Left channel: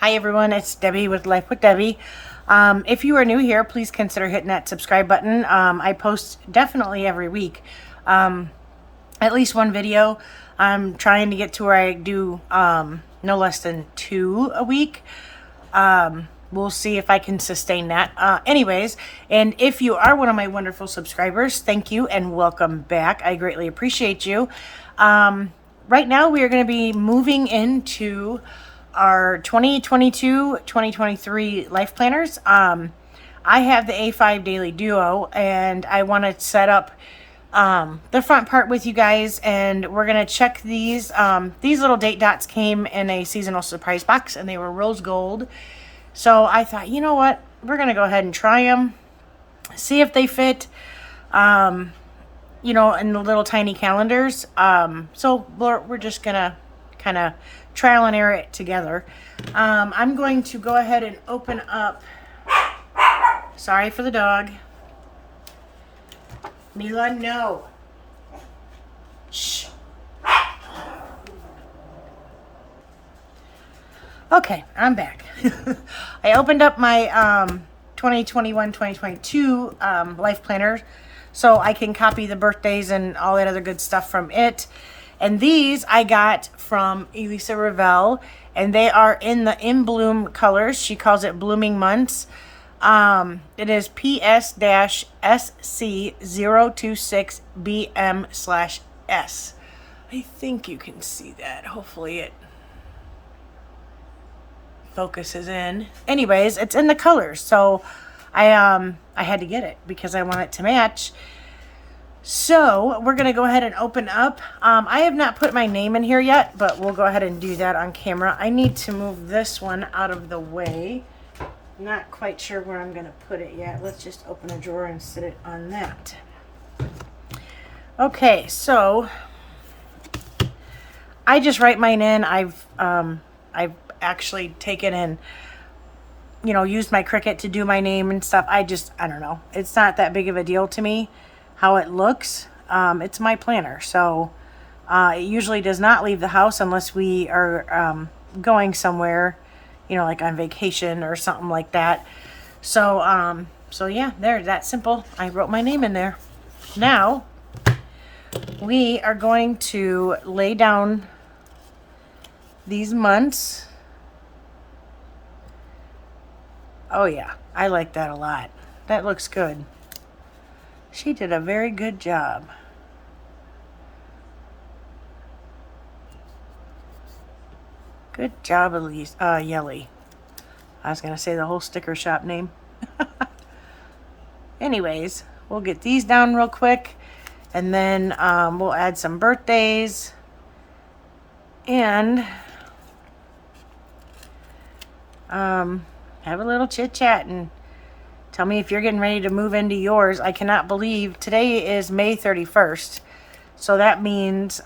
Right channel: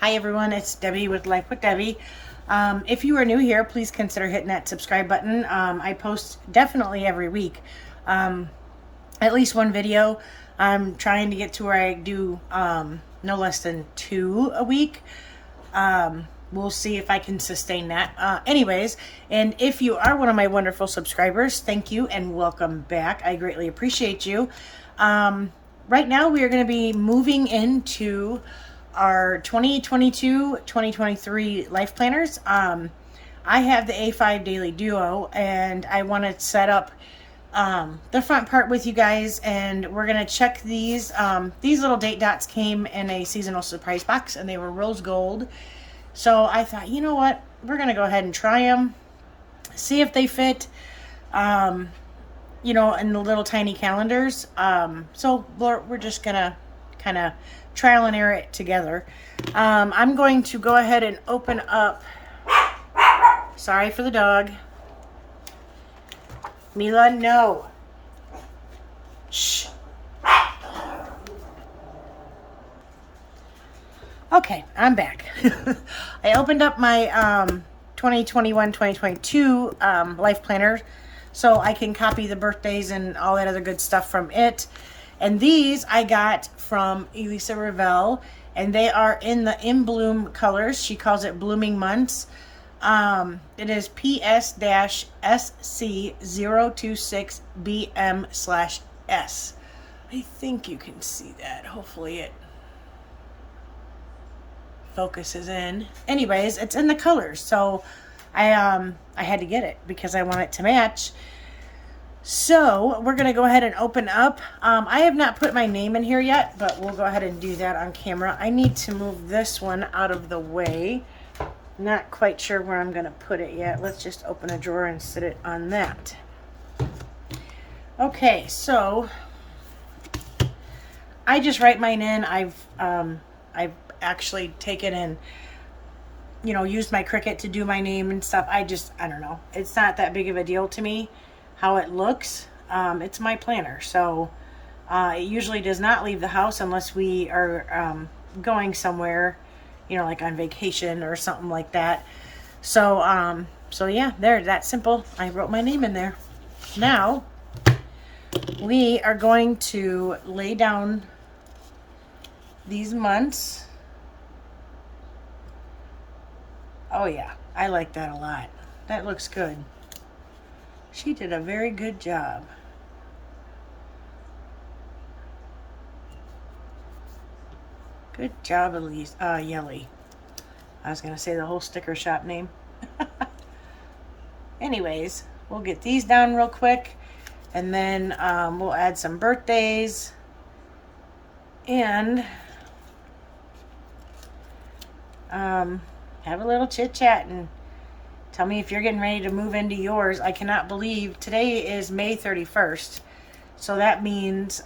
Hi everyone, it's Debbie with Life with Debbie. If you are new here, please consider hitting that subscribe button. I post definitely every week, at least one video. I'm trying to get to where I do no less than 2 a week. We'll see if I can sustain that. Anyways, and if you are one of my wonderful subscribers, thank you and welcome back. I greatly appreciate you. Right now we are going to be moving into our 2022-2023 life planners. I have the A5 Daily Duo, and I want to set up the front part with you guys, and we're going to check these. These little date dots came in a seasonal surprise box, and they were rose gold. So I thought, you know what? We're going to go ahead and try them, see if they fit, in the little tiny calendars. So we're just going to kind of trial and error it together. I'm going to go ahead and open up. Sorry for the dog. Mila, no. Shh. Okay, I'm back. I opened up my 2021-2022 life planner so I can copy the birthdays and all that other good stuff from it. And these I got from Elisa Ravel, and they are in the In Bloom colors. She calls it Blooming Months. It is PS-SC026BM/S. I think you can see that. Hopefully it focuses in. Anyways, it's in the colors, so I had to get it because I want it to match. So we're going to go ahead and open up. I have not put my name in here yet, but we'll go ahead and do that on camera. I need to move this one out of the way. Not quite sure where I'm going to put it yet. Let's just open a drawer and sit it on that. Okay, so I just write mine in. I've actually taken and used my Cricut to do my name and stuff. I don't know. It's not that big of a deal to me how it looks. It's my planner, so it usually does not leave the house unless we are going somewhere, like on vacation or something like that. So yeah, there, that simple. I wrote my name in there. Now we are going to lay down these months. Oh yeah, I like that a lot. That looks good. She did a very good job. Good job, Elise. Yelly. I was going to say the whole sticker shop name. Anyways, we'll get these down real quick. And then we'll add some birthdays. And have a little chit chat and tell me if you're getting ready to move into yours. I cannot believe today is May 31st. So that means,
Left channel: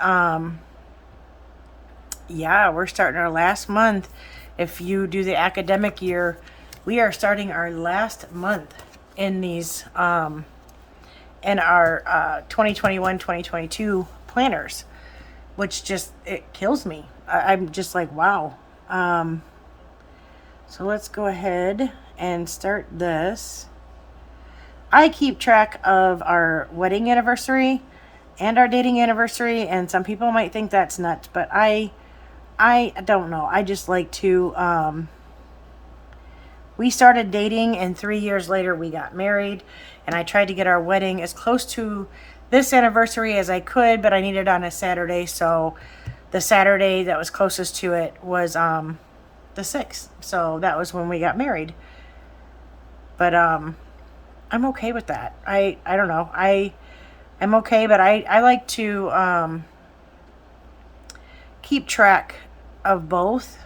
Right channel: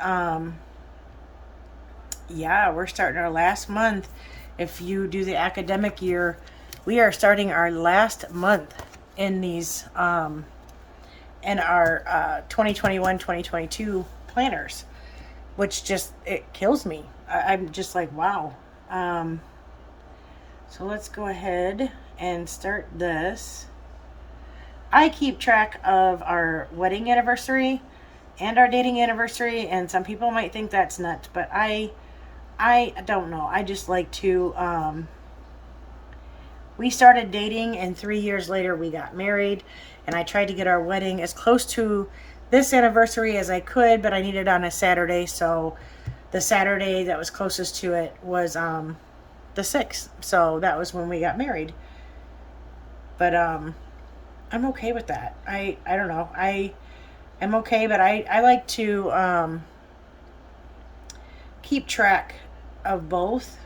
yeah, we're starting our last month. If you do the academic year, we are starting our last month in these, in our 2021-2022 planners, which it kills me. I'm just like, wow. So let's go ahead and start this. I keep track of our wedding anniversary and our dating anniversary, and some people might think that's nuts, but I don't know. I just like to, we started dating and 3 years later we got married, and I tried to get our wedding as close to this anniversary as I could, but I needed it on a Saturday, so the Saturday that was closest to it was the 6th. So that was when we got married. But I'm okay with that. I don't know. I'm okay, but I like to keep track of both.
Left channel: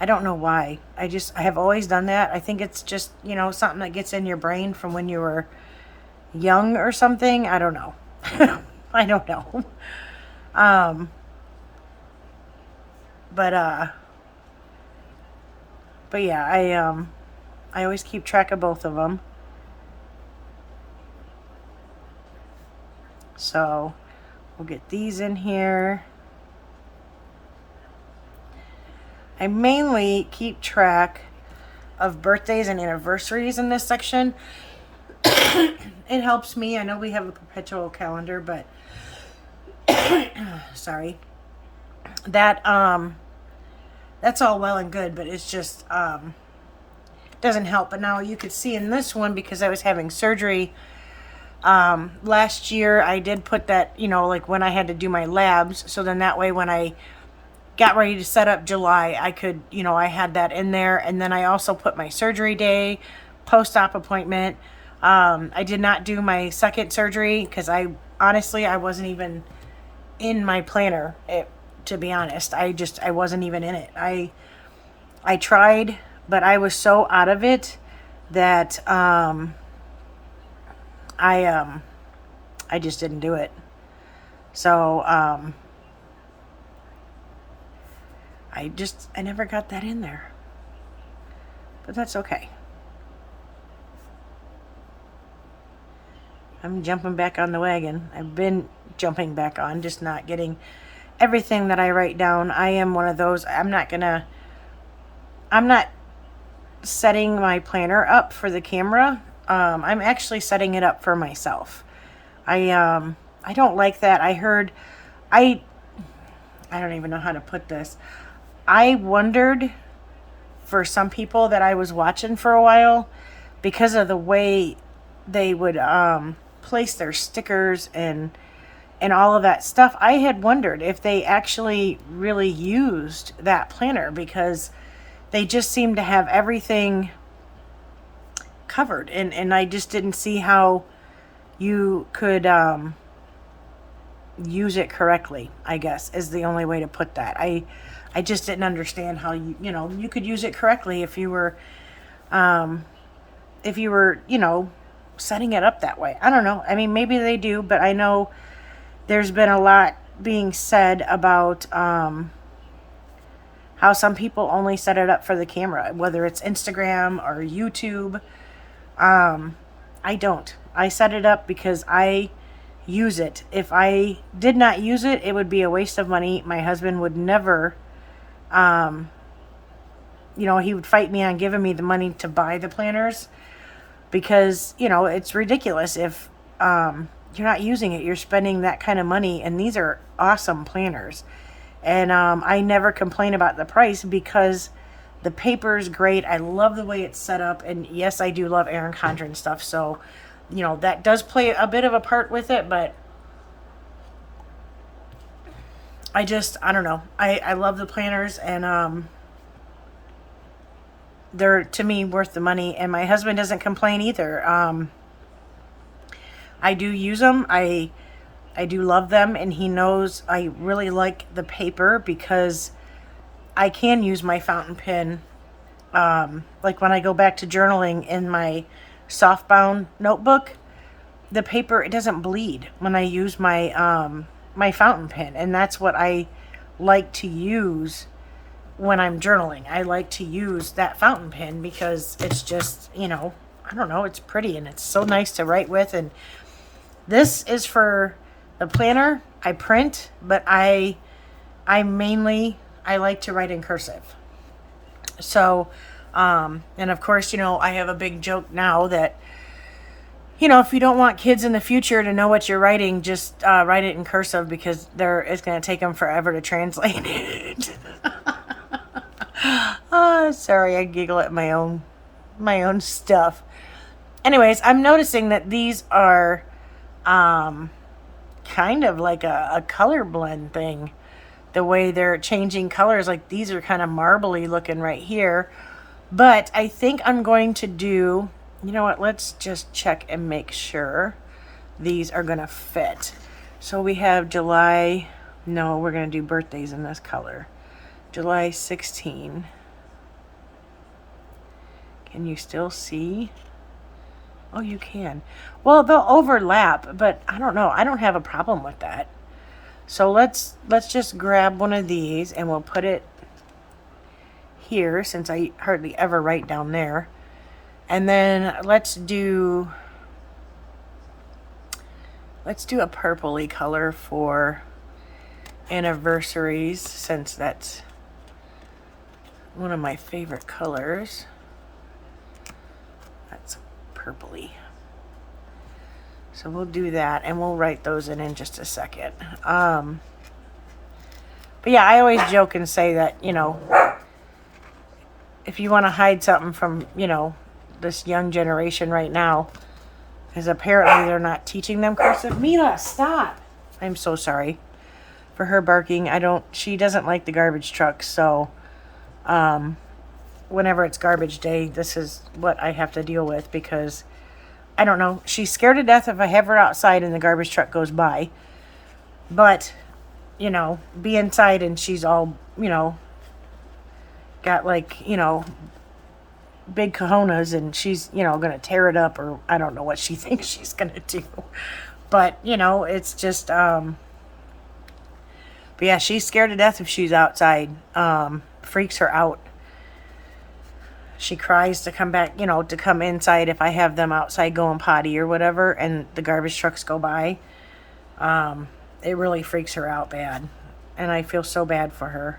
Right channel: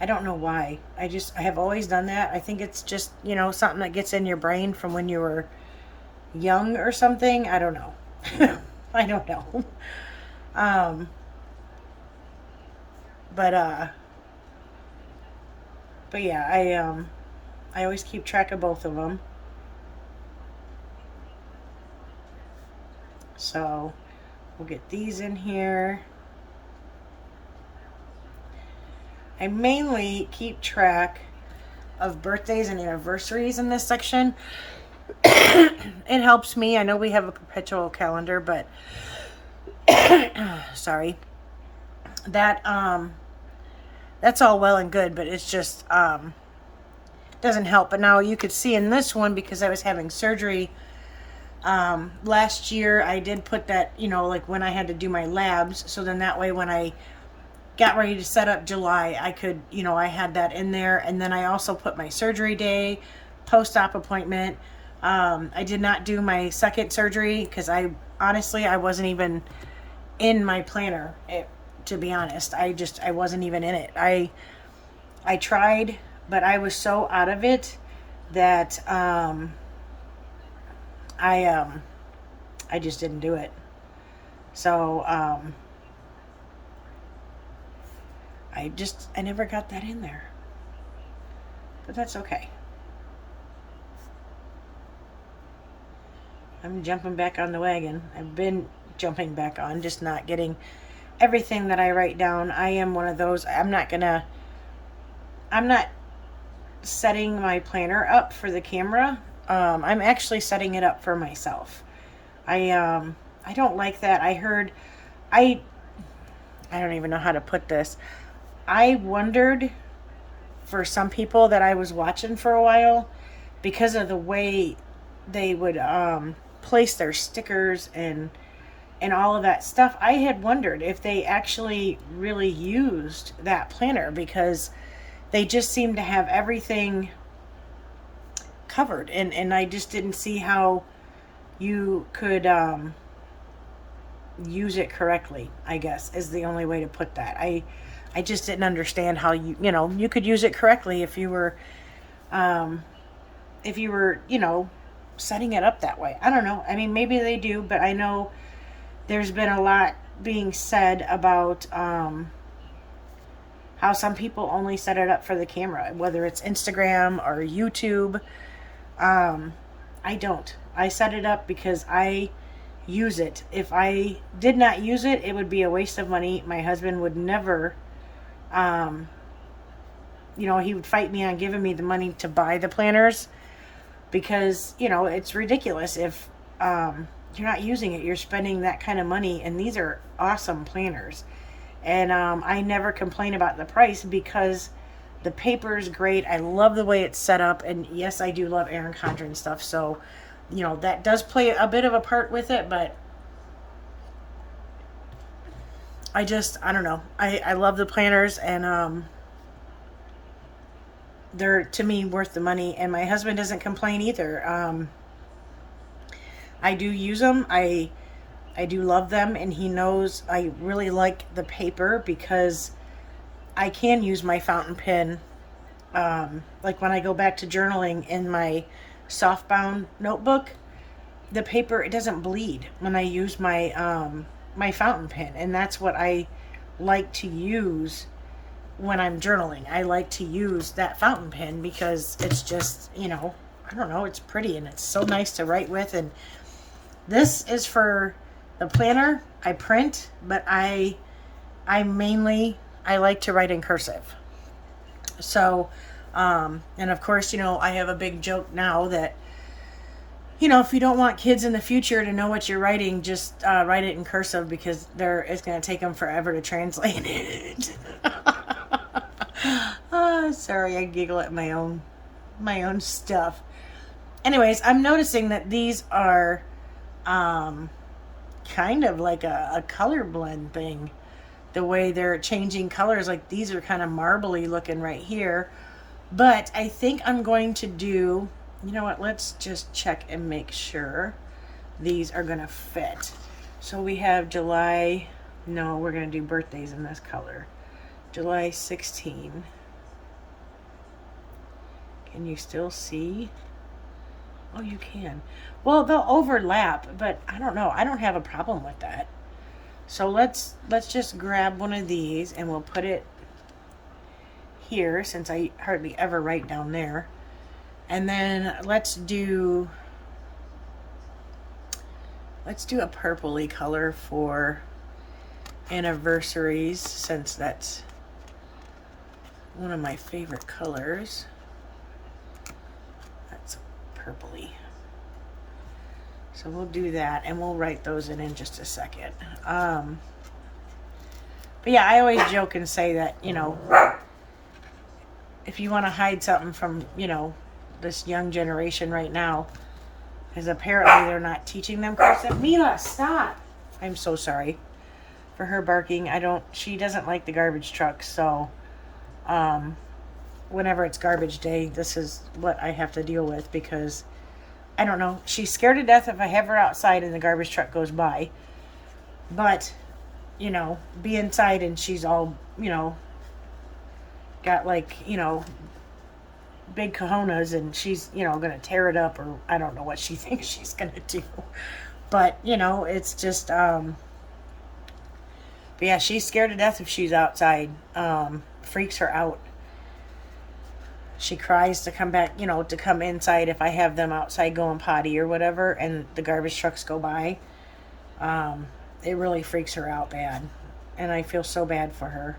I don't know why. I have always done that. I think it's just, something that gets in your brain from when you were young or something. I don't know. I don't know. But yeah, I always keep track of both of them. So we'll get these in here. I mainly keep track of birthdays and anniversaries in this section. It helps me. I know we have a perpetual calendar, but sorry. That that's all well and good, but it's just doesn't help. But now you could see in this one, because I was having surgery last year, I did put that, like when I had to do my labs, so then that way when I got ready to set up July, I could, I had that in there. And then I also put my surgery day, post-op appointment. I did not do my second surgery because I wasn't even in my planner, to be honest. I wasn't even in it. I tried, but I was so out of it that I just didn't do it. So I never got that in there, but that's okay. I'm jumping back on the wagon. I've been jumping back on, just not getting everything that I write down. I am one of those. I'm not setting my planner up for the camera. I'm actually setting it up for myself. I don't like that. I don't even know how to put this. I wondered for some people that I was watching for a while, because of the way they would place their stickers and all of that stuff. I had wondered if they actually really used that planner, because they just seemed to have everything covered, and I just didn't see how you could use it correctly, I guess is the only way to put that. I just didn't understand how you could use it correctly if you were setting it up that way. I don't know. I mean, maybe they do, but I know there's been a lot being said about how some people only set it up for the camera, whether it's Instagram or YouTube. I don't. I set it up because I use it. If I did not use it, it would be a waste of money. My husband would never, he would fight me on giving me the money to buy the planners, because, it's ridiculous if you're not using it. You're spending that kind of money, and these are awesome planners. And I never complain about the price because the paper is great. I love the way it's set up. And yes, I do love Erin Condren stuff. So, that does play a bit of a part with it. But I don't know. I love the planners, and they're, to me, worth the money. And my husband doesn't complain either. I do use them. I do love them, and he knows I really like the paper because I can use my fountain pen. Like when I go back to journaling in my softbound notebook, the paper, it doesn't bleed when I use my my fountain pen, and that's what I like to use when I'm journaling. I like to use that fountain pen because it's just, I don't know, it's pretty and it's so nice to write with. And this is for the planner. I print, but I like to write in cursive. So, and of course, I have a big joke now that, if you don't want kids in the future to know what you're writing, just write it in cursive, because it's going to take them forever to translate it. Oh, sorry, I giggle at my own stuff. Anyways, I'm noticing that these are kind of like a color blend thing. The way they're changing colors, like these are kind of marbly looking right here. But I think I'm going to do, you know what, let's just check and make sure these are going to fit. So we have July, no, we're going to do birthdays in this color. July 16. Can you still see? Oh, you can. Well, they'll overlap, but I don't know. I don't have a problem with that. So let's just grab one of these and we'll put it here, since I hardly ever write down there. And then let's do a purpley color for anniversaries, since that's one of my favorite colors. That's purpley. So we'll do that, and we'll write those in just a second. But yeah, I always joke and say that, you know, if you want to hide something from, you know, this young generation right now, because apparently they're not teaching them cursive. Mila, stop! I'm so sorry for her barking. She doesn't like the garbage truck, so whenever it's garbage day, this is what I have to deal with, because I don't know, she's scared to death if I have her outside and the garbage truck goes by. But, you know, be inside and she's all, you know, got like, you know, big cojones, and she's, you know, gonna tear it up, or I don't know what she thinks she's gonna do. But, you know, it's just but yeah, she's scared to death if she's outside. Freaks her out. She cries to come back, you know, to come inside if I have them outside going potty or whatever, and the garbage trucks go by. It really freaks her out bad, and I feel so bad for her.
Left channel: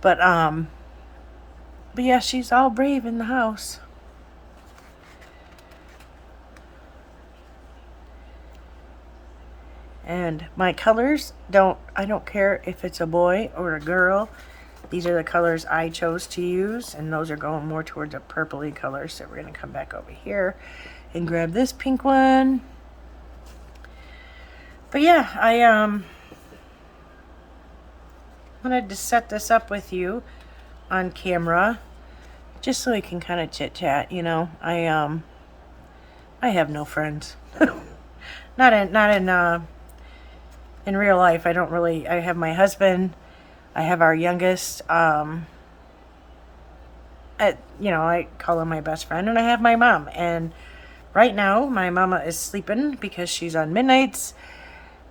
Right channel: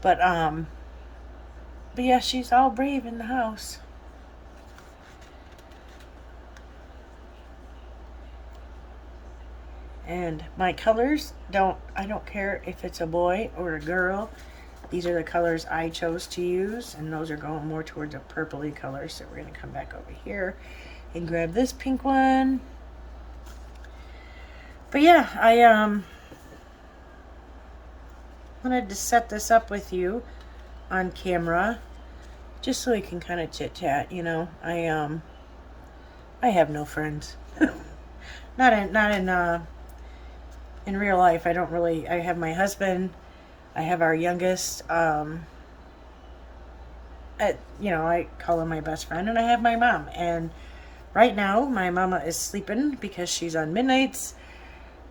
But yeah, she's all brave in the house. And my colors, I don't care if it's a boy or a girl. These are the colors I chose to use, and those are going more towards a purpley color. So we're going to come back over here and grab this pink one. But yeah, I wanted to set this up with you on camera, just so we can kind of chit chat. You know, I have no friends. not in real life. I don't really. I have my husband. I have our youngest. You know, I call him my best friend, and I have my mom. And right now, my mama is sleeping because she's on midnights,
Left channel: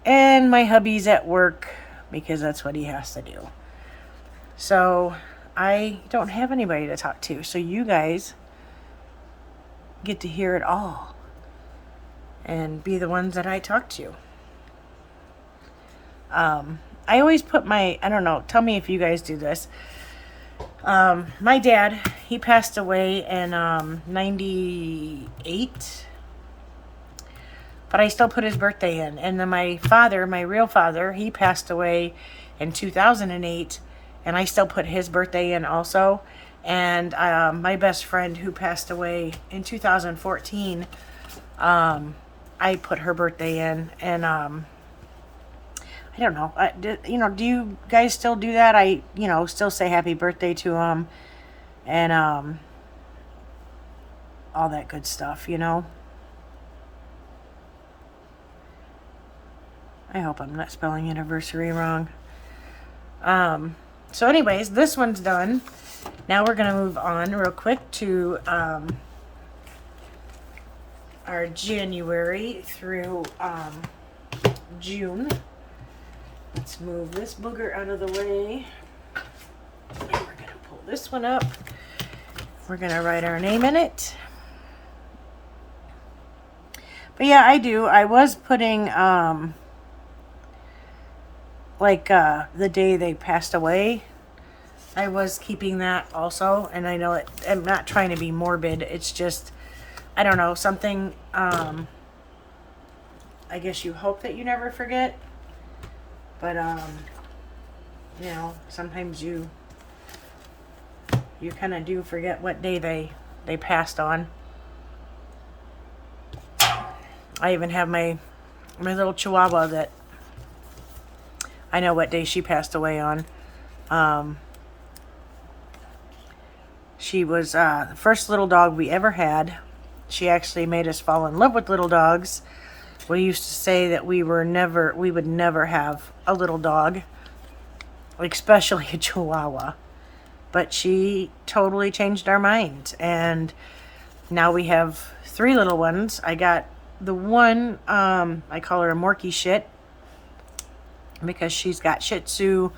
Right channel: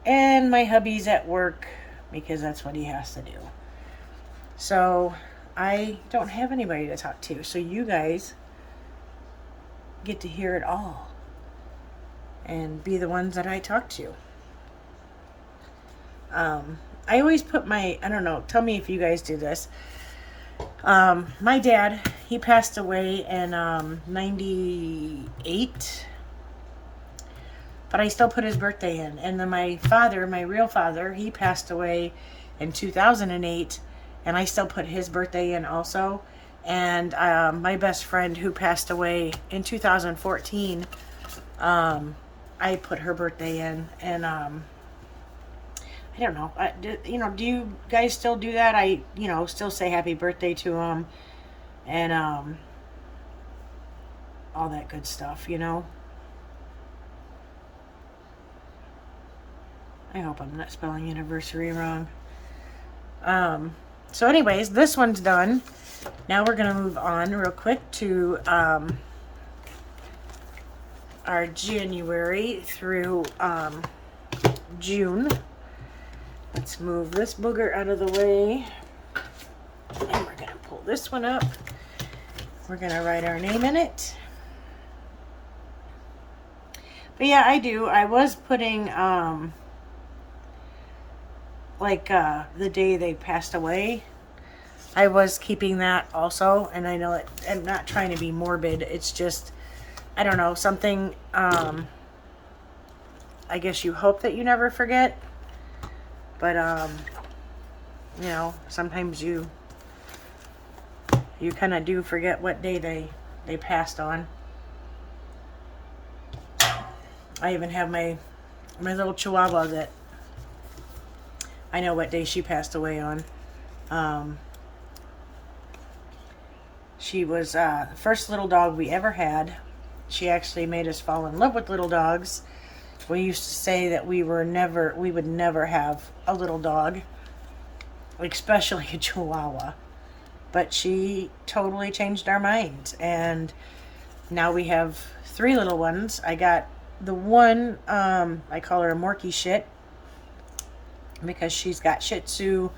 and my hubby's at work because that's what he has to do. So I don't have anybody to talk to. So you guys get to hear it all and be the ones that I talk to. I always put I don't know, tell me if you guys do this. My dad, he passed away in 98, but I still put his birthday in. And then my father, my real father, he passed away in 2008, and I still put his birthday in also. And my best friend, who passed away in 2014, I put her birthday in. And I don't know. You know, do you guys still do that? I, you know, still say happy birthday to them, and all that good stuff, you know. I hope I'm not spelling anniversary wrong. So anyways, this one's done. Now we're going to move on real quick to our January through June. Let's move this booger out of the way. And we're going to pull this one up. We're going to write our name in it. But yeah, I do. I was putting, the day they passed away. I was keeping that also. And I know I'm not trying to be morbid. It's just, I don't know, something, I guess you hope that you never forget. But, you know, sometimes you kind of do forget what day they passed on. I even have my little Chihuahua that I know what day she passed away on. She was the first little dog we ever had. She actually made us fall in love with little dogs. We used to say that we would never have a little dog, especially a Chihuahua. But she totally changed our minds, and now we have 3 little ones. I got the one, I call her a Morky Shit, because she's got Shih Tzu,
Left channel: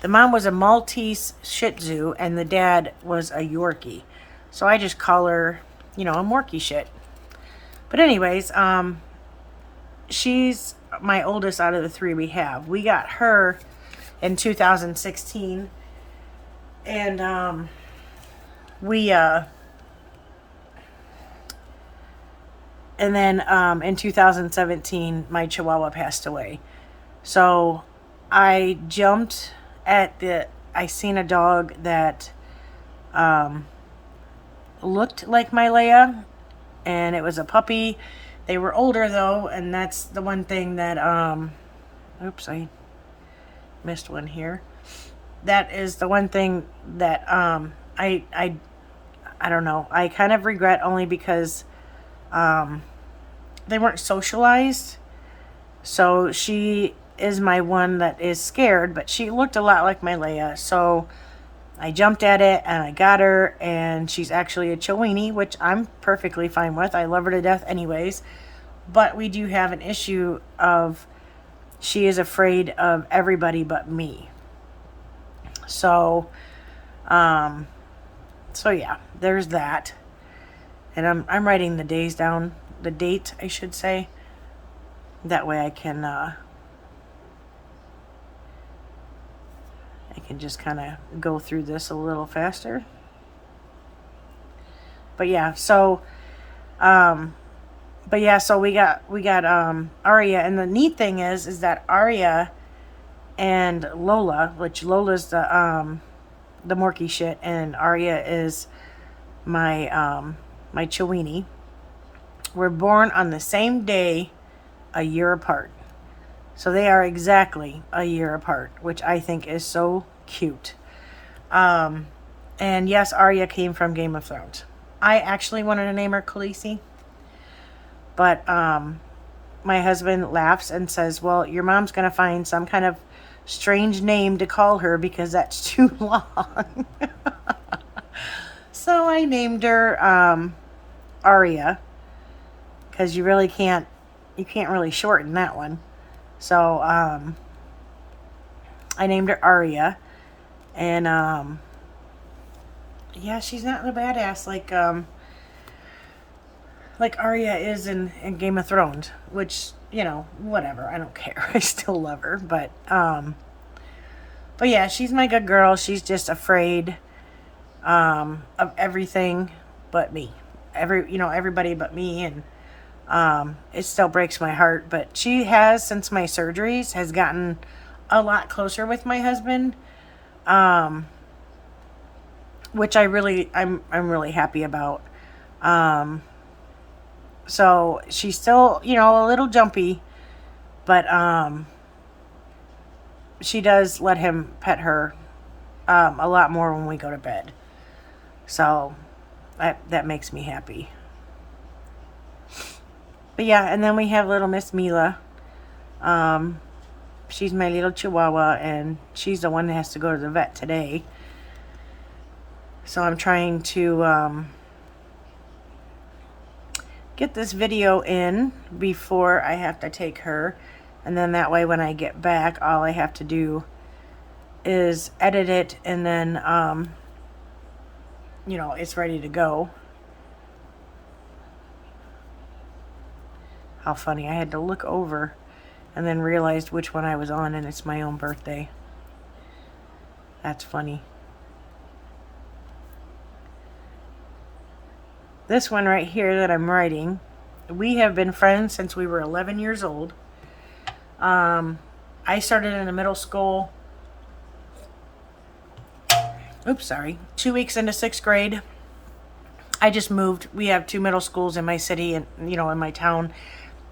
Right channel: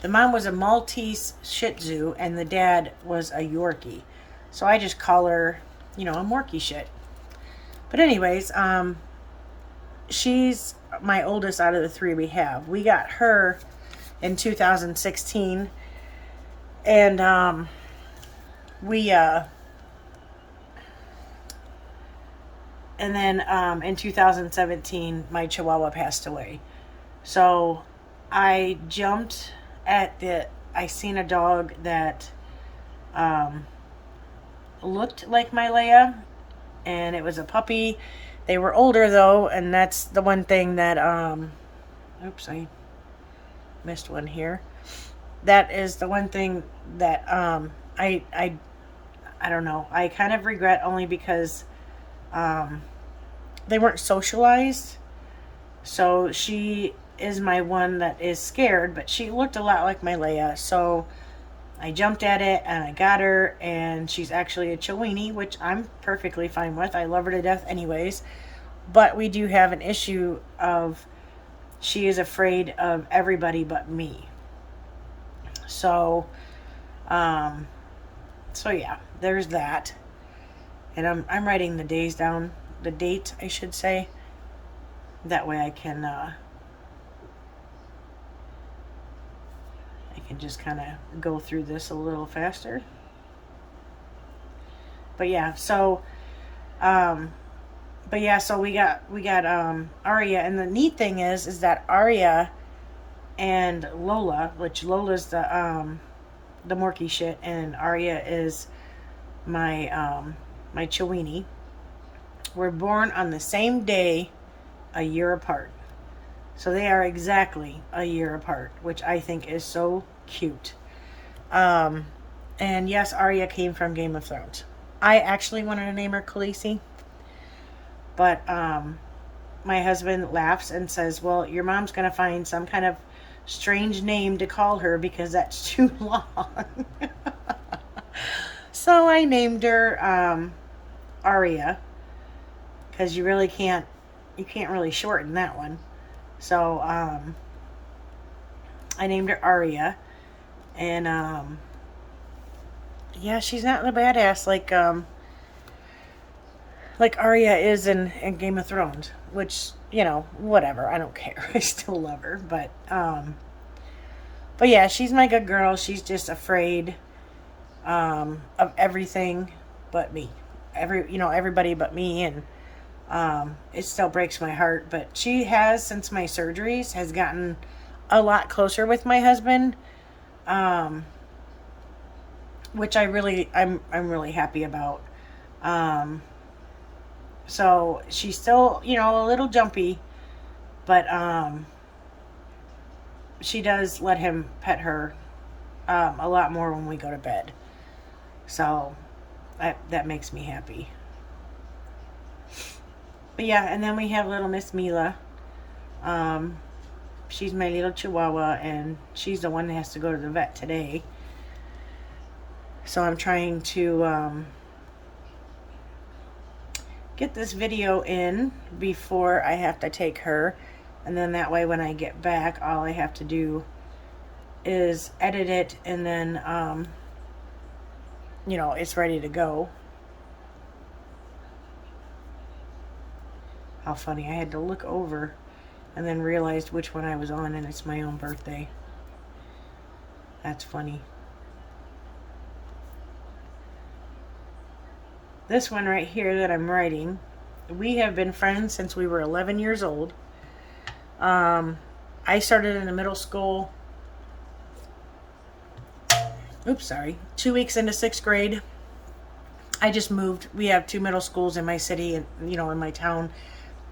The mom was a Maltese Shih Tzu, and the dad was a Yorkie. So I just call her, a Morkie shit. But anyways, she's my oldest out of the 3 we have. We got her in 2016, and we and then in 2017 my Chihuahua passed away. So I jumped at I seen a dog that looked like my Leia, and it was a puppy. They were older though, and that's the one thing that oops, I missed one here. That is the one thing that I don't know. I kind of regret, only because they weren't socialized. So she is my one that is scared, but she looked a lot like my Leia. So I jumped at it and I got her, and she's actually a Chiweenie, which I'm perfectly fine with. I love her to death anyways. But we do have an issue of she is afraid of everybody but me. So, so yeah, there's that. And I'm writing the days down, the date, I should say. That way I can just kind of go through this a little faster. But yeah, so so we got Aria, and the neat thing is that Aria and Lola, which Lola's the Morkie shit, and Aria is my my Chiweenie, were born on the same day, a year apart. So they are exactly a year apart, which I think is so cute. And yes, Arya came from Game of Thrones. I actually wanted to name her Khaleesi, but my husband laughs and says, well, your mom's going to find some kind of strange name to call her because that's too long. So I named her Arya, because you can't really shorten that one. So I named her Arya, and yeah, she's not a badass like Arya is in Game of Thrones, which, whatever, I don't care. I still love her, but yeah, she's my good girl. She's just afraid of everything but me. Everybody but me, and it still breaks my heart, but she has, since my surgeries, has gotten a lot closer with my husband, which I'm really happy about. So she's still, a little jumpy, but she does let him pet her a lot more when we go to bed. So that makes me happy. But yeah, and then we have little Miss Mila. She's my little Chihuahua, and she's the one that has to go to the vet today. So I'm trying to get this video in before I have to take her, and then that way when I get back, all I have to do is edit it, and then it's ready to go. How funny, I had to look over and then realized which one I was on, and it's my own birthday. That's funny. This one right here that I'm writing, we have been friends since we were 11 years old. I started in a middle school. Oops, sorry. 2 weeks into 6th grade. I just moved. We have 2 middle schools in my city, and in my town.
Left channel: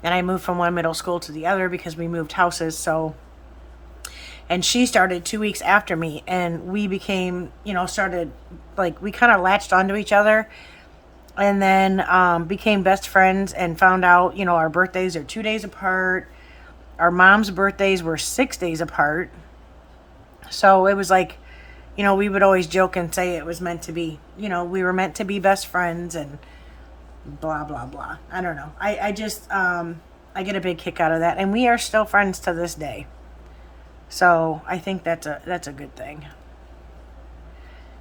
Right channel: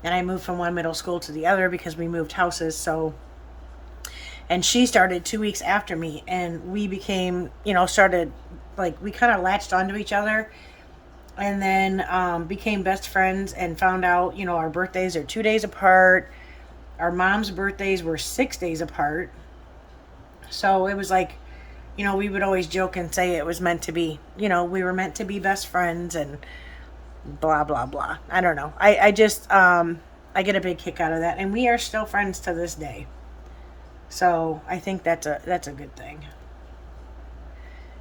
And I moved from one middle school to the other because we moved houses. So, and she started 2 weeks after me, and we became, started, we kind of latched onto each other, and then became best friends, and found out, our birthdays are 2 days apart. Our mom's birthdays were 6 days apart. So it was we would always joke and say it was meant to be. We were meant to be best friends, and blah, blah, blah. I don't know. I just, I get a big kick out of that. And we are still friends to this day. So I think that's a good thing.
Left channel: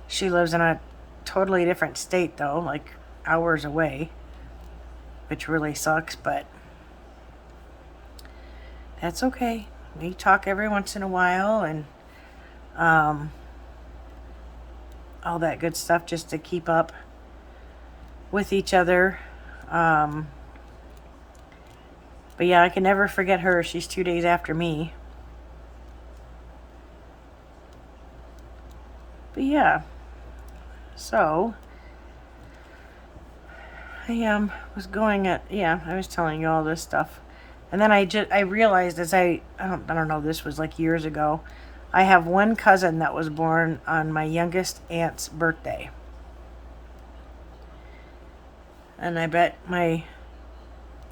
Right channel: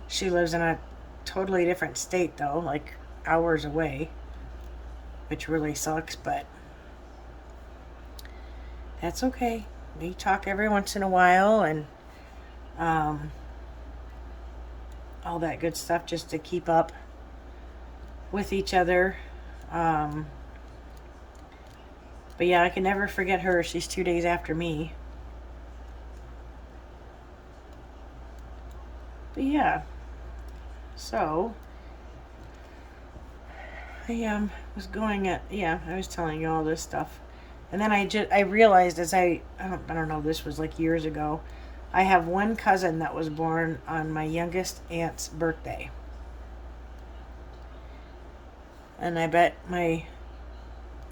She lives in a totally different state though, like hours away, which really sucks, but that's okay. We talk every once in a while and um, all that good stuff just to keep up with each other. Um, but yeah, I can never forget her. She's 2 days after me. But yeah, so I was going at, yeah, I was telling you all this stuff. And then I realized as I don't know, this was like years ago. I have one cousin that was born on my youngest aunt's birthday. And I bet my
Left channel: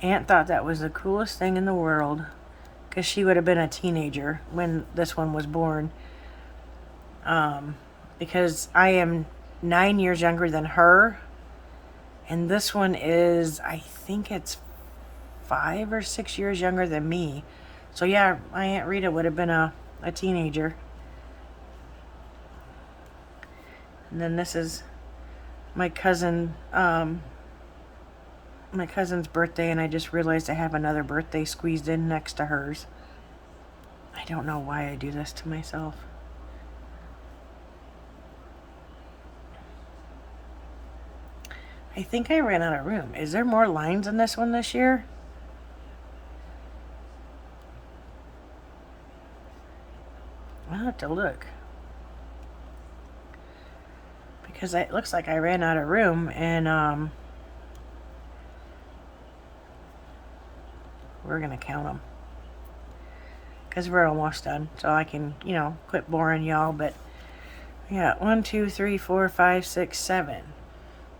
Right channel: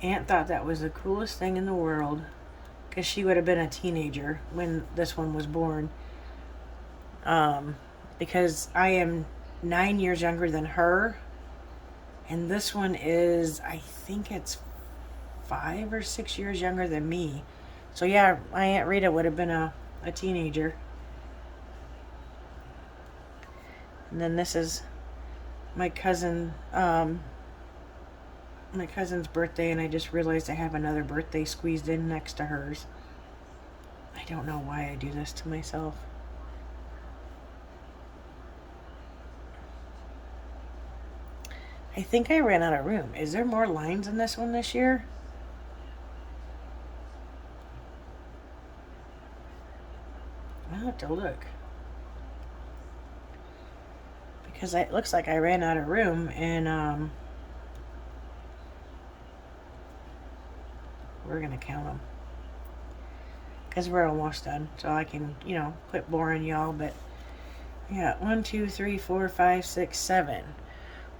aunt thought that was the coolest thing in the world because she would have been a teenager when this one was born. Because I am 9 years younger than her, and this one is, I think it's 5 or 6 years younger than me. So yeah, my Aunt Rita would have been a teenager. And then this is my cousin, my cousin's birthday, and I just realized I have another birthday squeezed in next to hers. I don't know why I do this to myself. I think I ran out of room. Is there more lines in this one this year? I'll have to look. Because it looks like I ran out of room, and we're going to count them. Because we're almost done, so I can, quit boring y'all. But yeah, 1, 2, 3, 4, 5, 6, 7.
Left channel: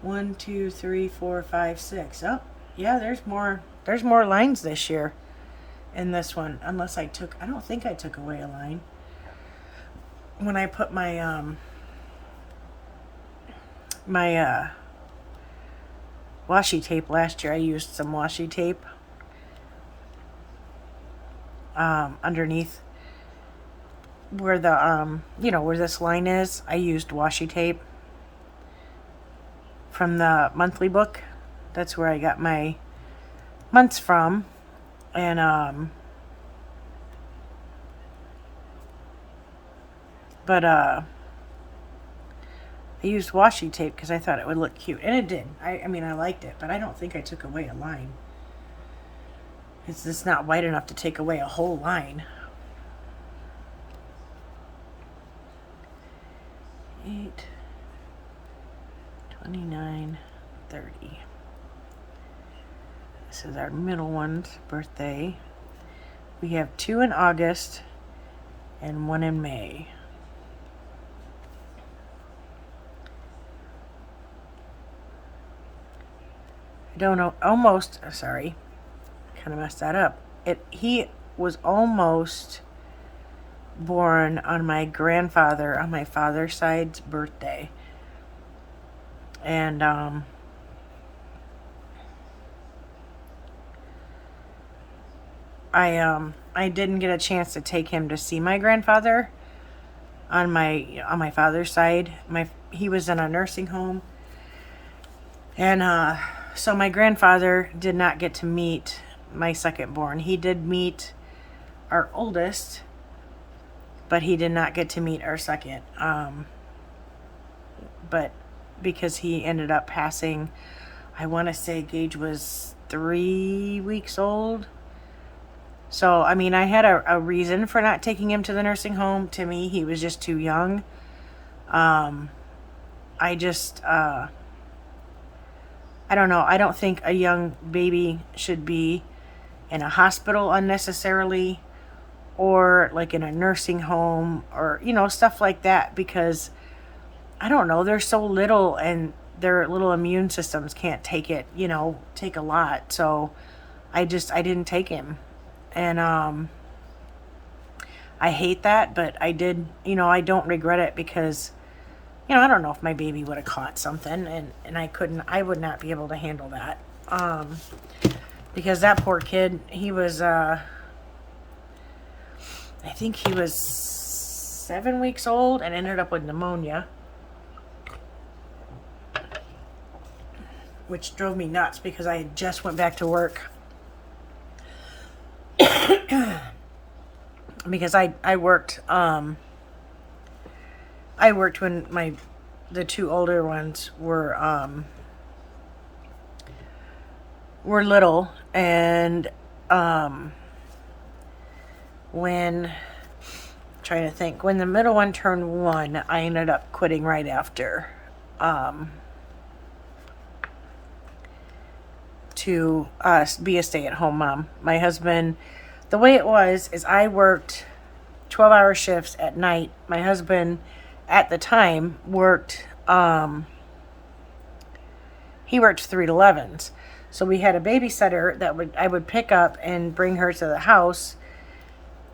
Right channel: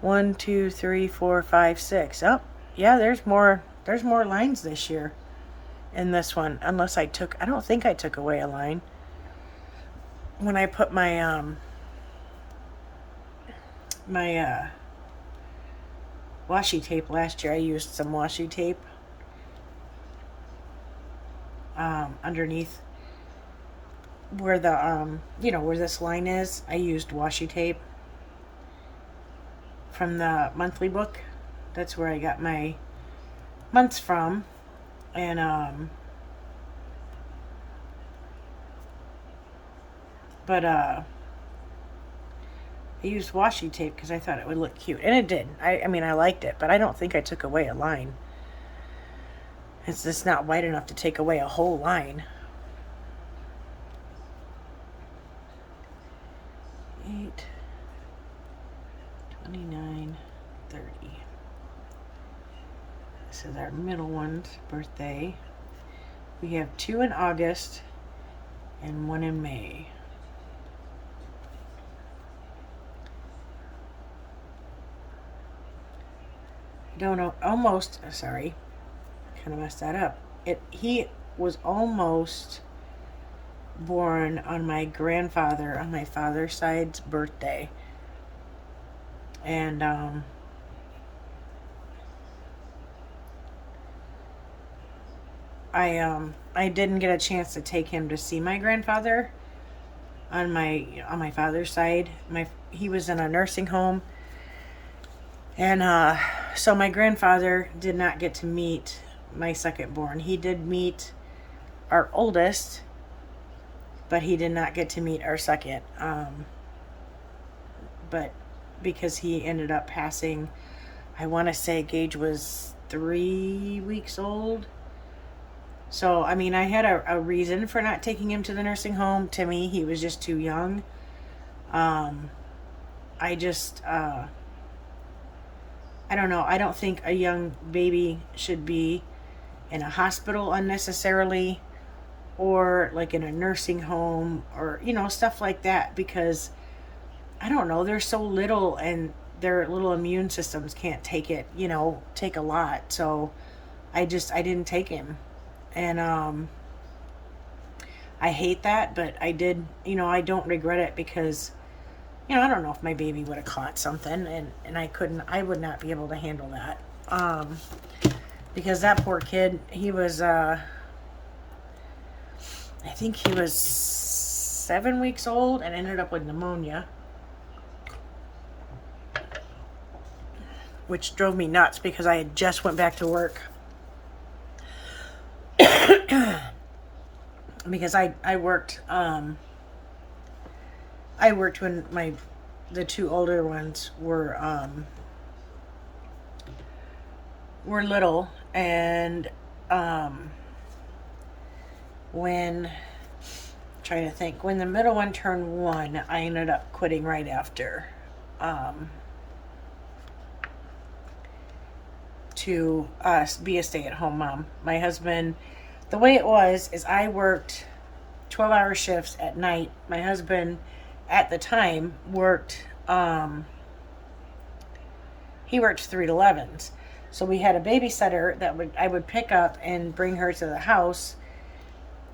1, 2, 3, 4, 5, 6. Oh, yeah, there's more lines this year in this one. Unless I don't think I took away a line. When I put my washi tape last year, I used some washi tape underneath where the where this line is. I used washi tape from the monthly book. That's where I got my months from. And I used washi tape because I thought it would look cute, and it did. I mean, I liked it, but I don't think I took away a line. It's just not wide enough to take away a whole line. 8, 29, 30. This is our middle one's birthday. We have 2 in August and 1 in May. I don't know, almost, sorry, kind of messed that up. He was almost born on my grandfather, on my father's side's birthday. And I didn't get a chance to take him to see my grandfather on my father's side. He was in a nursing home, and so my grandfather did not get to meet my second born. He did meet our oldest, but he did not get to meet our second. But because he ended up passing, I want to say Gage was 3 weeks old. So, I mean, I had a reason for not taking him to the nursing home. To me, he was just too young. I don't know. I don't think a young baby should be in a hospital unnecessarily, or like in a nursing home, or, stuff like that, because I don't know, they're so little and their little immune systems can't take it, take a lot. So I didn't take him. And I hate that, but I did, I don't regret it because, I don't know if my baby would have caught something, and I would not be able to handle that. Because that poor kid, he was I think he was 7 weeks old and ended up with pneumonia, which drove me nuts because I had just went back to work. Because I worked when the two older ones were little, and when the middle one turned 1, I ended up quitting right after, to be a stay-at-home mom. My husband, the way it was is I worked 12-hour shifts at night. My husband at the time worked he worked 3 to 11s. So we had a babysitter that I would pick up and bring her to the house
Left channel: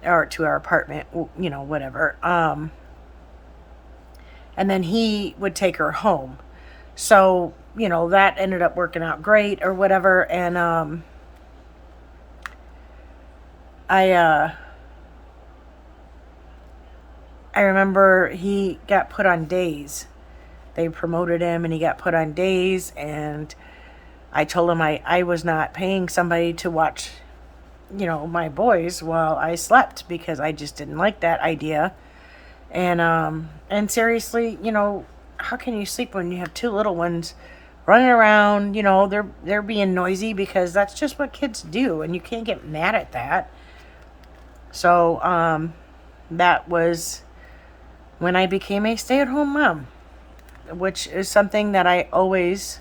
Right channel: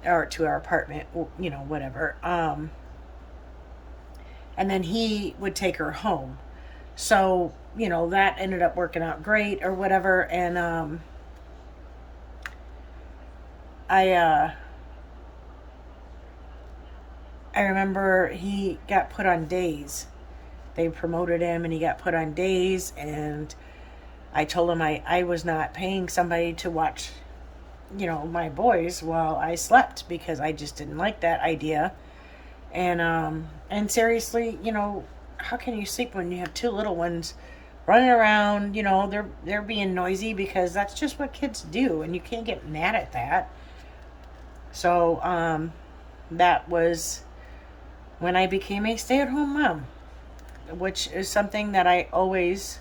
or to our apartment, you know, whatever. And then he would take her home. So, you know, that ended up working out great or whatever. And I remember he got put on days. They promoted him and he got put on days, and I told him I was not paying somebody to watch, you know, my boys while I slept, because I just didn't like that idea. And seriously, you know, how can you sleep when you have 2 little ones running around? You know, they're being noisy, because that's just what kids do, and you can't get mad at that. So that was when I became a stay-at-home mom, which is something that I always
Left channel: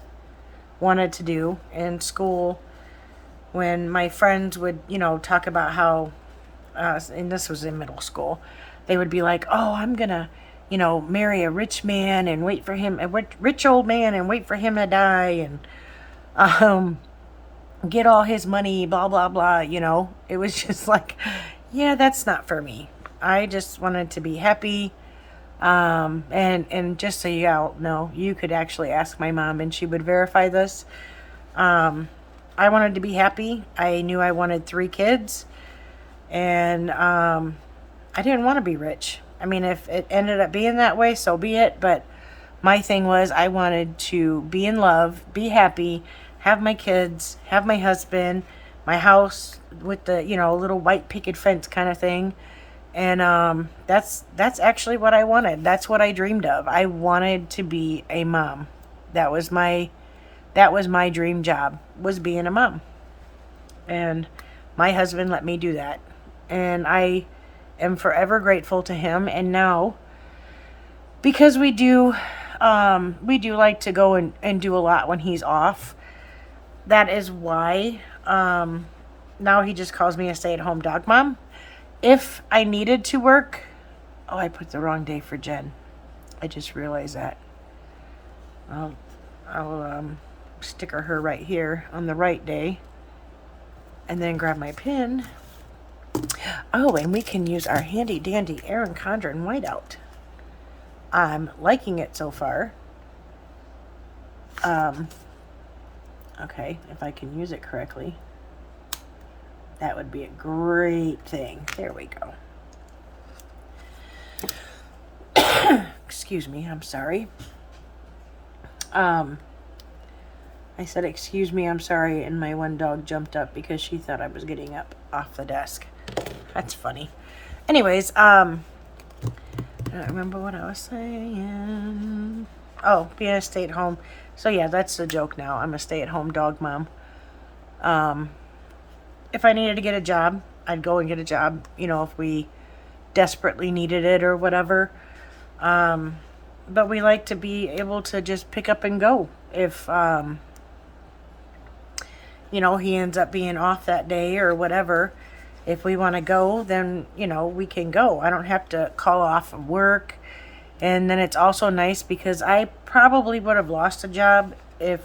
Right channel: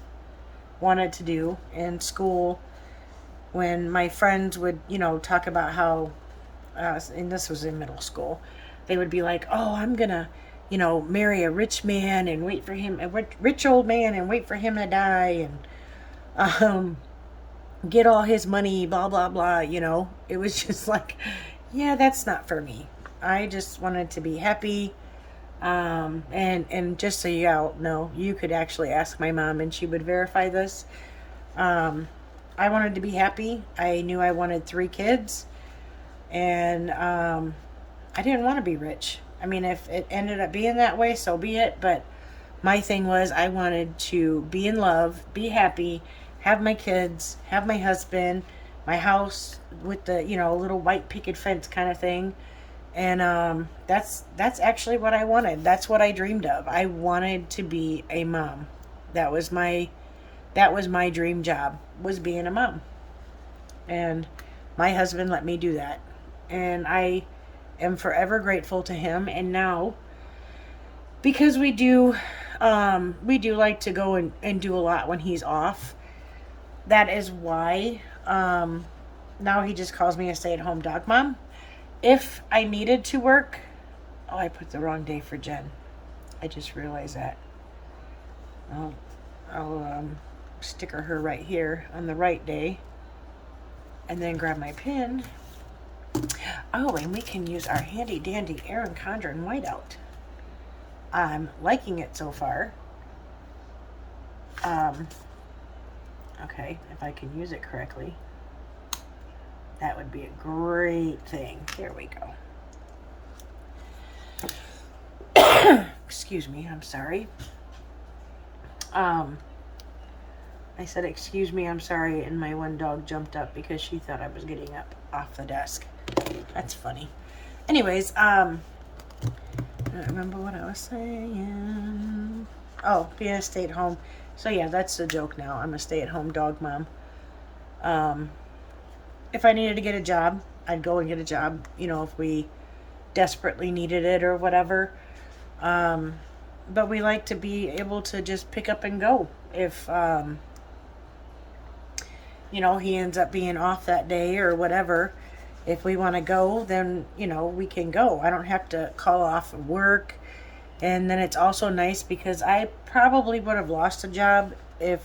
wanted to do. In school, when my friends would, you know, talk about how, and this was in middle school, they would be like, oh, I'm gonna, you know, marry a rich man and wait for him, a rich old man, and wait for him to die, and get all his money, blah, blah, blah, you know. It was just like, yeah, that's not for me. I just wanted to be happy. And just so you all know, you could actually ask my mom and she would verify this. I wanted to be happy. I knew I wanted 3 kids, and I didn't want to be rich. I mean, if it ended up being that way, so be it. But my thing was, I wanted to be in love, be happy, have my kids, have my husband, my house with the, you know, little white picket fence kind of thing. And that's actually what I wanted. That's what I dreamed of. I wanted to be a mom. That was my dream job, was being a mom. And my husband let me do that. And I am forever grateful to him. And now, because we do like to go and do a lot when he's off, that is why now he just calls me a stay-at-home dog mom. If I needed to work, oh, I put the wrong day for Jen. I just realized that. I'll sticker her right here on the right day, and then grab my pin. Oh, and we can use our handy dandy Erin Condren whiteout. I'm liking it so far. Okay, if I can use it correctly, that would be a great thing. There we go. Excuse me, I'm sorry. I said, excuse me, I'm sorry, and my one dog jumped up because she thought I was getting up off the desk. That's funny. Anyways, I don't remember what I was saying. Oh, being a stay-at-home. So yeah, that's the joke now. I'm a stay-at-home dog mom. If I needed to get a job, I'd go and get a job, you know, if we desperately needed it or whatever. But we like to be able to just pick up and go. If, you know, he ends up being off that day or whatever, if we want to go, then, you know, we can go. I don't have to call off of work. And then it's also nice because I probably would have lost a job if,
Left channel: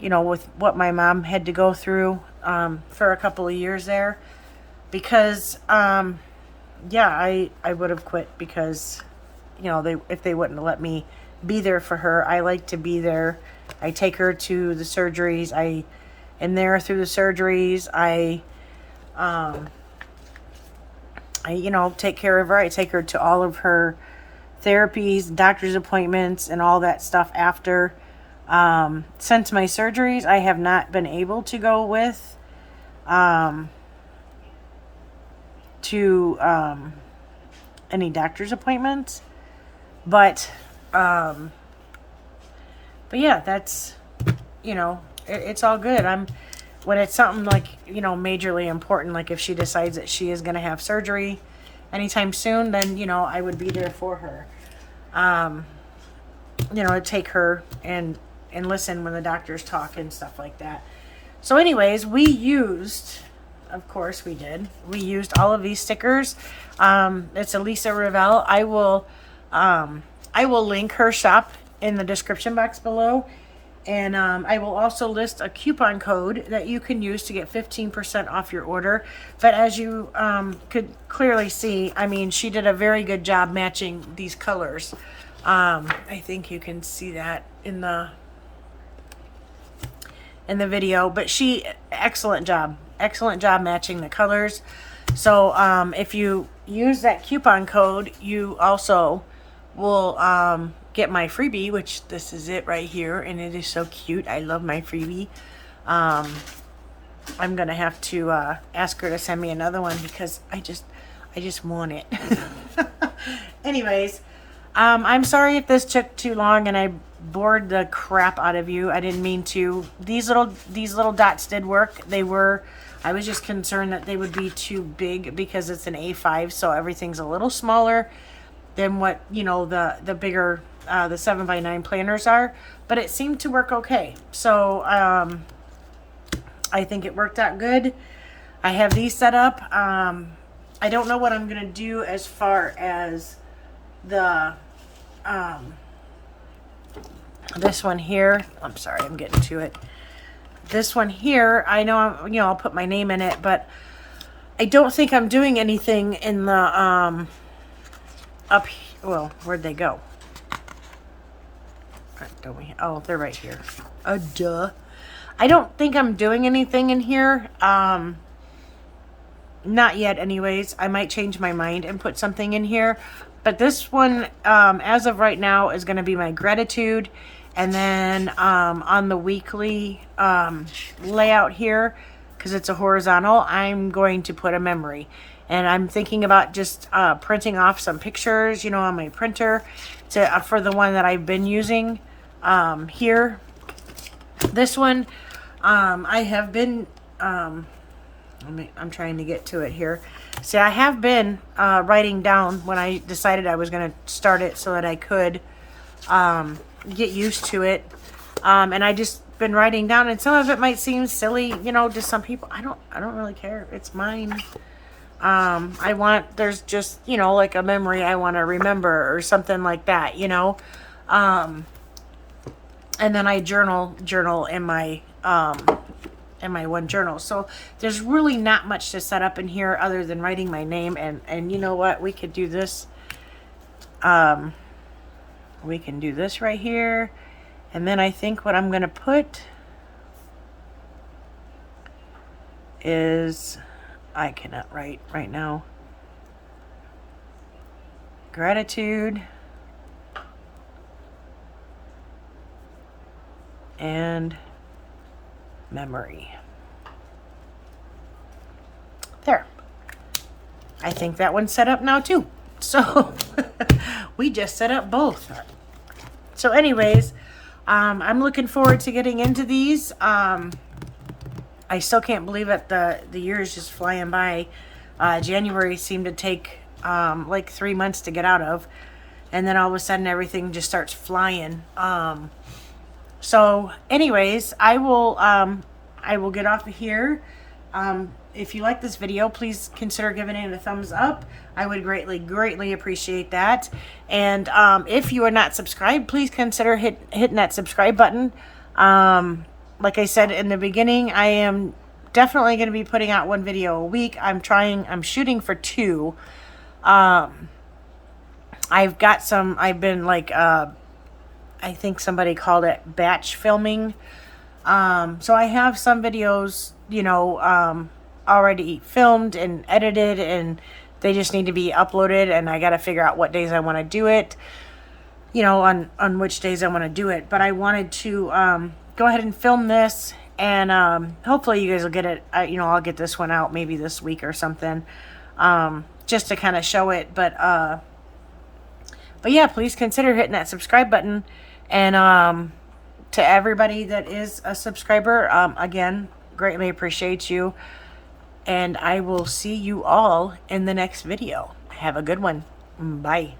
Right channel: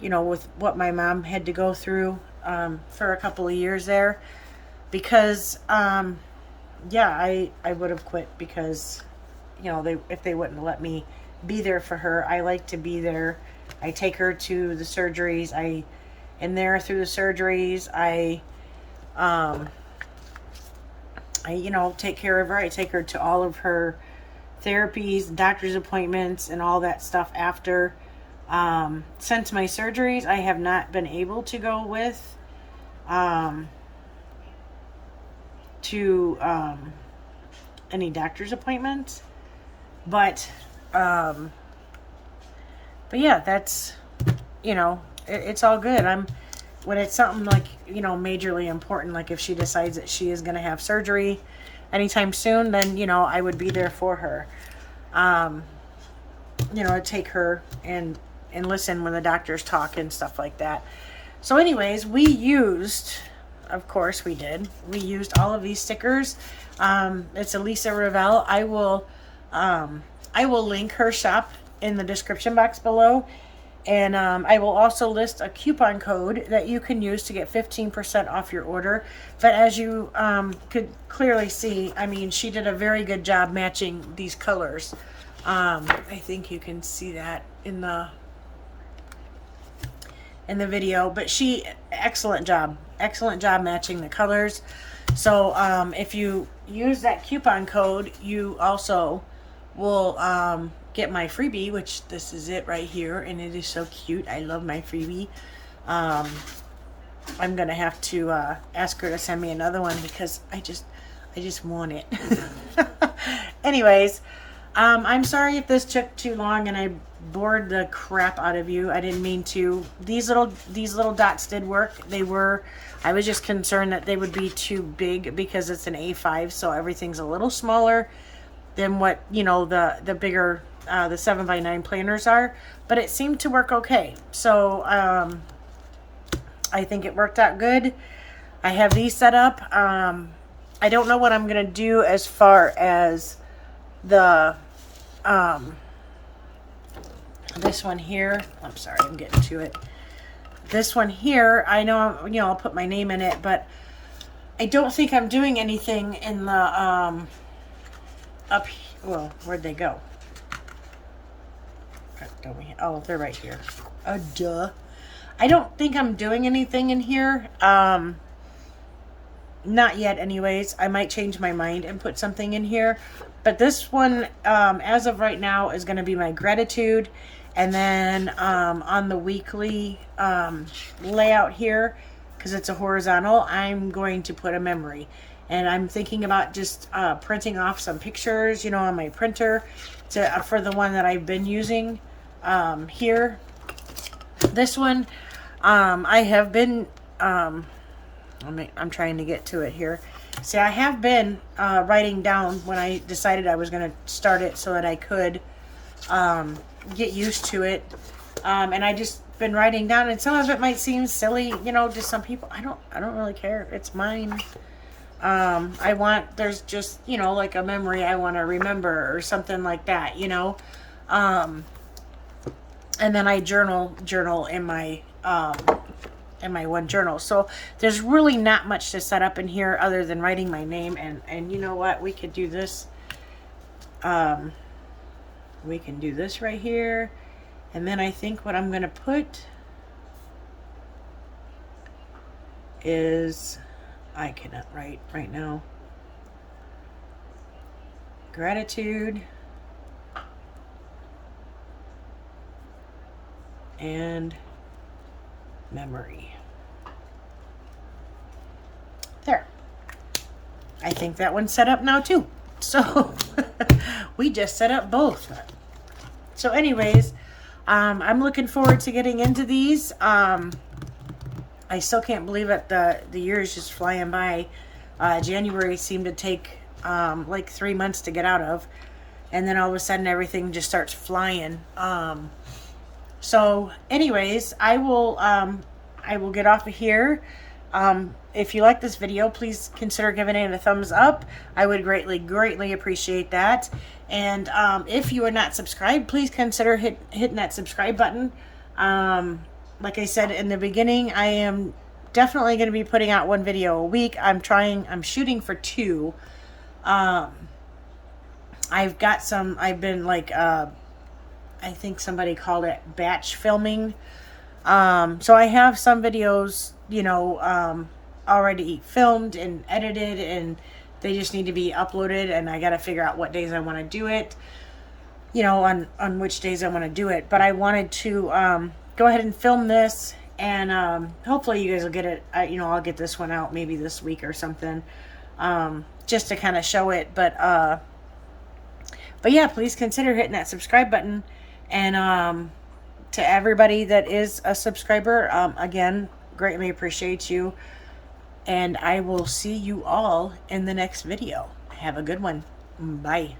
you know, with what my mom had to go through for a couple of years there. Because, yeah, I would have quit because, you know, if they wouldn't have let me be there for her. I like to be there. I take her to the surgeries. I am there through the surgeries. I you know, take care of her. I take her to all of her therapies, doctor's appointments, and all that stuff after. Since my surgeries, I have not been able to go with to any doctor's appointments, but yeah, that's, you know, it's all good. When it's something like, you know, majorly important, like if she decides that she is going to have surgery anytime soon, then, you know, I would be there for her. You know, I'd take her and listen when the doctors talk and stuff like that. So anyways, of course we used all of these stickers. It's Elisa Ravel. I will link her shop in the description box below. And I will also list a coupon code that you can use to get 15% off your order. But as you could clearly see, I mean, she did a very good job matching these colors. I think you can see that in the video. But excellent job matching the colors. So if you use that coupon code, you also will get my freebie, which this is it right here, and it is so cute. I love my freebie. I'm gonna have to ask her to send me another one because I just want it. Anyways, I'm sorry if this took too long and I bored the crap out of you. I didn't mean to. These little dots did work. I was just concerned that they would be too big because it's an A5, so everything's a little smaller than what, you know, the bigger the 7x9 planners are, but it seemed to work okay. So I think it worked out good. I have these set up. I don't know what I'm gonna do as far as the this one here. I'm sorry, I'm getting to it. This one here, I know, you know, I'll put my name in it, but I don't think I'm doing anything in the well, where'd they go? Oh, they're right here. Duh. I don't think I'm doing anything in here. Not yet anyways. I might change my mind and put something in here. But this one, as of right now, is going to be my gratitude. And then on the weekly layout here, because it's a horizontal, I'm going to put a memory. And I'm thinking about just printing off some pictures, you know, on my printer for the one that I've been using here. This one, I have been, I'm trying to get to it here. See, I have been writing down when I decided I was going to start it so that I could get used to it. And I just been writing down, and some of it might seem silly, you know, to some people. I don't really care. It's mine. There's just, you know, like a memory I want to remember or something like that, you know. And then I journal in my one journal. So there's really not much to set up in here other than writing my name. And you know what? We could do this. We can do this right here. And then I think what I'm going to put is, I cannot write right now. Gratitude. And memory. There. I think that one's set up now too. So we just set up both. So anyways, I'm looking forward to getting into these. I still can't believe it. The year is just flying by. January seemed to take like 3 months to get out of, and then all of a sudden everything just starts flying. So anyways, I will get off of here. If you like this video, please consider giving it a thumbs up. I would greatly appreciate that. And if you are not subscribed, please consider hitting that subscribe button. Like I said in the beginning, I am definitely going to be putting out one video a week. I'm shooting for 2. I've been like, I think somebody called it batch filming. So I have some videos, you know, already filmed and edited and They just need to be uploaded, and I got to figure out what days I want to do it, you know, on which days I want to do it. But I wanted to go ahead and film this, and hopefully you guys will get it. You know, I'll get this one out maybe this week or something, just to kind of show it. But yeah, please consider hitting that subscribe button. And to everybody that is a subscriber, again, greatly appreciate you. And I will see you all in the next video. Have a good one. Bye.